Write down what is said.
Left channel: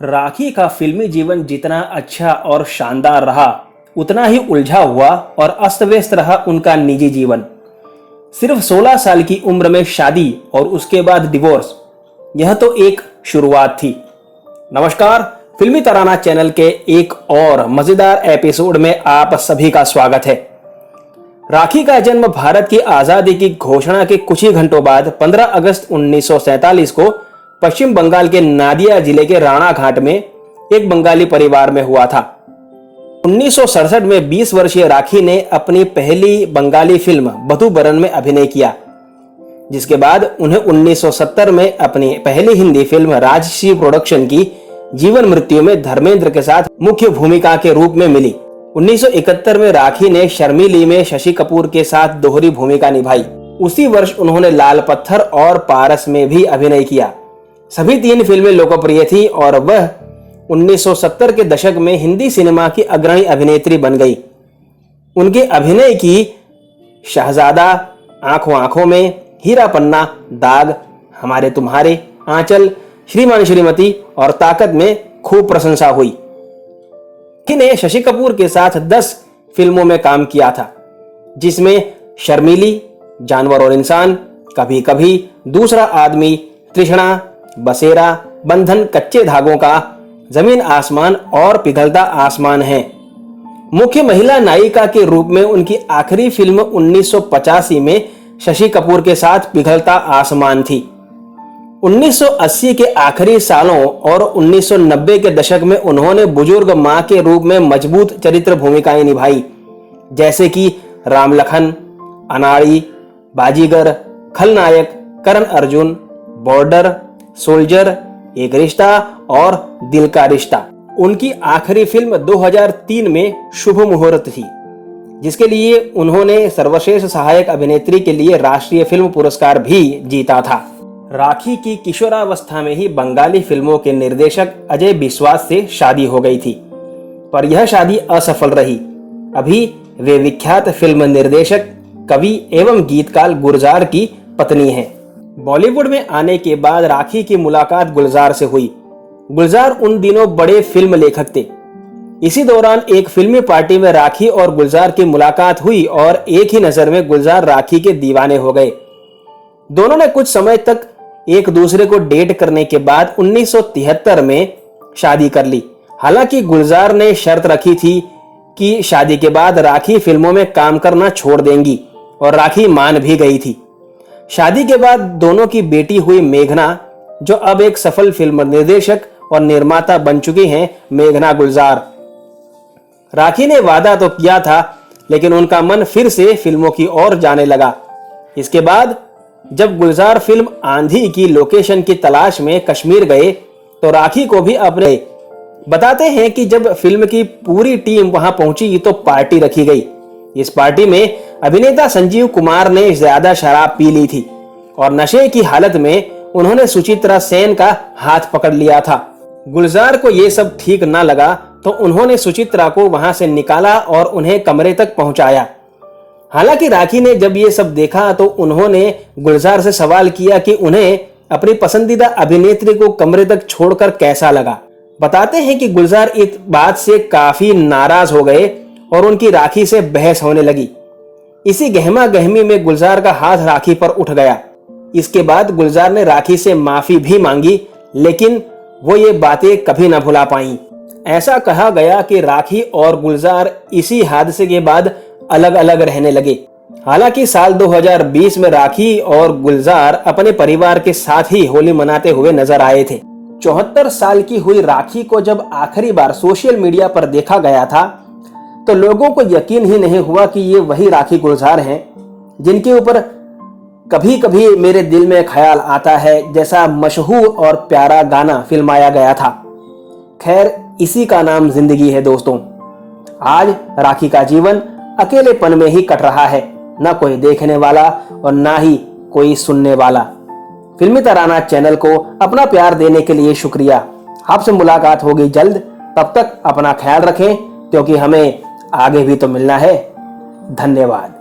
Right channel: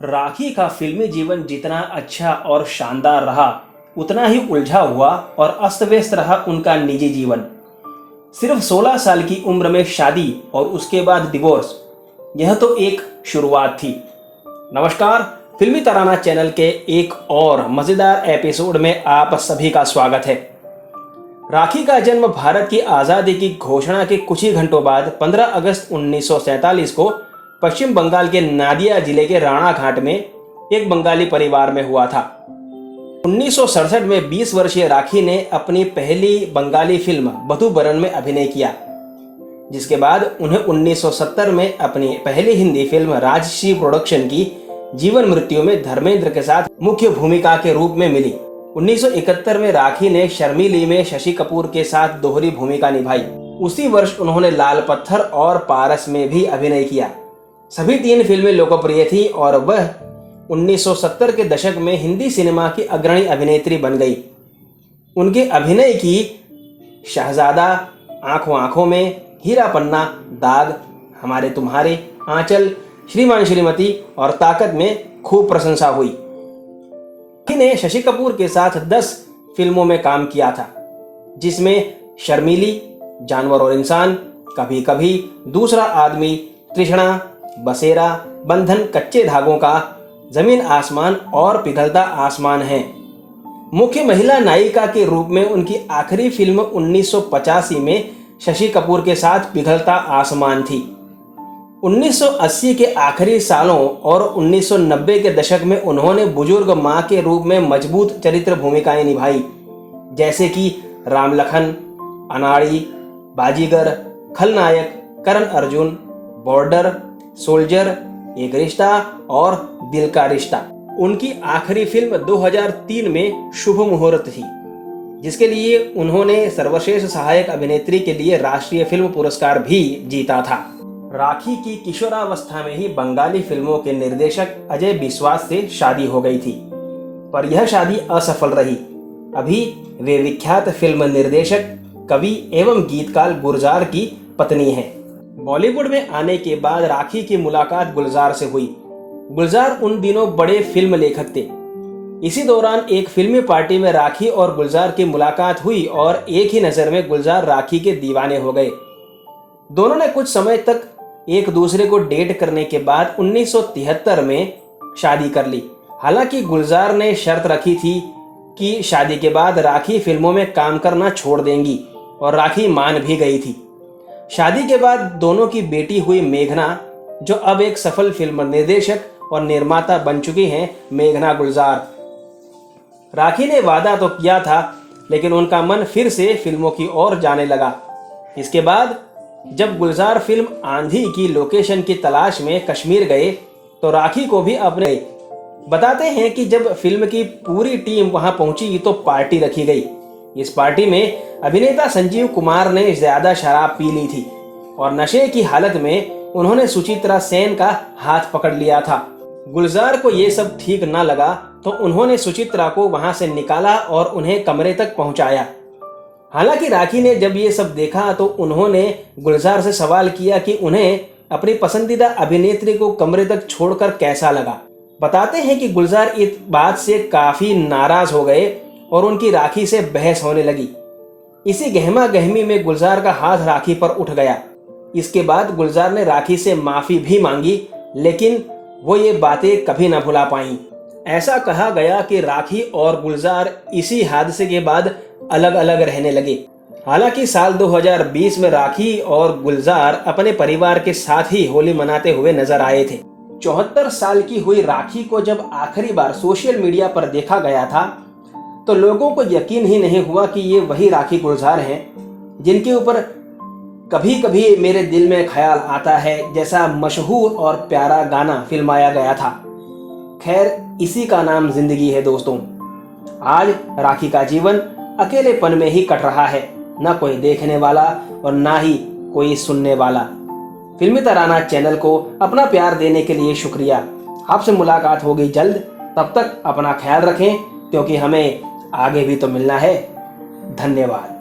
राखी का फिल्मी जीवन जितना अच्छा और शानदार रहा, उतना ही उलझा हुआ और अस्त व्यस्त रहा उनका निजी जीवन। सिर्फ 16 साल की उम्र में शादी और उसके बाद डिवोर्स, यह तो एक शुरुआत थी। नमस्कार, फिल्मी तराना चैनल के एक और मजेदार एपिसोड में आप सभी का स्वागत है। राखी का जन्म भारत की आजादी की घोषणा के कुछ ही घंटों बाद 15 अगस्त 1947 को पश्चिम बंगाल के नादिया जिले के राणा घाट में एक बंगाली परिवार में हुआ था। 1967 में 20 वर्षीय राखी ने अपनी पहली बंगाली फिल्म बधू बरन में अभिनय किया, जिसके बाद उन्हें 1970 में अपनी पहली हिंदी फिल्म राजश्री प्रोडक्शन की जीवन मृत्यु में धर्मेंद्र के साथ मुख्य भूमिका के रूप में मिली। 1971 में राखी ने शर्मिली में शशि कपूर के साथ दोहरी भूमिका निभाई। उसी वर्ष उन्होंने लाल पत्थर और पारस में भी अभिनय किया। सभी 3 फिल्में लोकप्रिय थी और वह 1970 के दशक में हिंदी सिनेमा की अग्रणी अभिनेत्री बन गई। उनके अभिनय की शहजादा, आंखों आंखों में, हीरा पन्ना, दाग, हमारे तुम्हारे, आंचल, श्रीमान श्रीमती और ताकत में खूब प्रशंसा हुई। ने शशि कपूर के साथ 10 फिल्मों में काम किया था, जिसमें शर्मिली, जानवर और इंसान, कभी कभी, दूसरा आदमी, तृष्णा, बसेरा, बंधन, कच्चे धागों का, जमीन आसमान और पिघलता आसमान है। मुख्य महिला नायिका के रूप में उनकी आखिरी फिल्म 1985 में शशि कपूर के साथ पिघलता आसमान थी। 1980 के आखिरी सालों और 1990 के दशक में उन्होंने बुजुर्ग मां के रूप में मजबूत चरित्र भूमिकाएं निभाई, जैसे कि राम लखन, अनाड़ी, बाजीगर, खलनायक, करण अर्जुन, बॉर्डर, सोल्जर, एक रिश्ता और दिल का रिश्ता। उनकी आखिरी फिल्म 2003 में शुभ मुहूर्त थी, जिसके लिए उन्होंने सर्वश्रेष्ठ सहायक अभिनेत्री के लिए राष्ट्रीय फिल्म पुरस्कार भी जीता था। राखी की किशोरावस्था में ही बंगाली फिल्मों के निर्देशक अजय बिस्वास से शादी हो गई थी, पर यह शादी असफल रही। अभी वे विख्यात फिल्म निर्देशक, कवि एवं गीतकार गुलजार की पत्नी हैं। बॉलीवुड में आने के बाद राखी की मुलाकात गुलजार से हुई। गुलजार उन दिनों बड़े फिल्म लेखक थे। इसी दौरान एक फिल्मी पार्टी में राखी और गुलजार की मुलाकात हुई और एक ही नजर में गुलजार राखी के दीवाने हो गए। दोनों ने कुछ समय तक एक दूसरे को डेट करने के बाद 1973 में शादी कर ली। हालांकि गुलजार ने शर्त रखी थी कि शादी के बाद राखी फिल्मों में काम करना छोड़ देंगी, और राखी मान भी गई थी। शादी के बाद दोनों की बेटी हुई मेघना, जो अब एक सफल फिल्म निर्देशक और निर्माता बन चुकी हैं, मेघना गुलजार। राखी ने वादा तो किया था, लेकिन उनका मन फिर से फिल्मों की ओर जाने लगा। इसके बाद जब गुलजार फिल्म आंधी की लोकेशन की तलाश में कश्मीर गए, तो राखी को भी अपने बताते हैं कि जब फिल्म की पूरी टीम वहां पहुंची तो पार्टी रखी गई। इस पार्टी में अभिनेता संजीव कुमार ने ज्यादा शराब पी ली थी और नशे की हालत में उन्होंने सुचित्रा सेन का हाथ पकड़ लिया था। गुलजार को यह सब ठीक न लगा, तो उन्होंने सुचित्रा को वहां से निकाला और उन्हें कमरे तक पहुंचाया। हालांकि राखी ने जब ये सब देखा तो उन्होंने गुलजार से सवाल किया कि उन्हें अपनी पसंदीदा अभिनेत्री को कमरे तक छोड़कर कैसा लगा। बताते हैं कि गुलजार इस बात से काफी नाराज हो गए और उनकी राखी से बहस होने लगी। इसी गहमा गहमी में गुलजार का हाथ राखी पर उठ गया। इसके बाद गुलजार ने राखी से माफी भी मांगी, लेकिन वो ये बातें कभी न भुला पाई। ऐसा कहा गया कि राखी और गुलजार इसी हादसे के बाद अलग अलग रहने लगे। हालांकि साल 2020 में राखी और गुलजार अपने परिवार के साथ ही होली मनाते हुए नजर आए थे। 74 साल की हुई राखी को जब आखिरी बार सोशल मीडिया पर देखा गया था, तो लोगों को यकीन ही नहीं हुआ कि ये वही राखी गुलजार हैं, जिनके ऊपर कभी कभी मेरे दिल में ख्याल आता है जैसा मशहूर और प्यारा गाना फिल्माया गया था। खैर, इसी का नाम जिंदगी है दोस्तों। आज राखी का जीवन अकेलेपन में ही कट रहा है, ना कोई देखने वाला और ना ही कोई सुनने वाला। फिल्मी तराना चैनल को अपना प्यार देने के लिए शुक्रिया। आपसे मुलाकात होगी जल्द। तब तक अपना ख्याल रखें, क्योंकि हमें आगे भी तो मिलना है। धन्यवाद।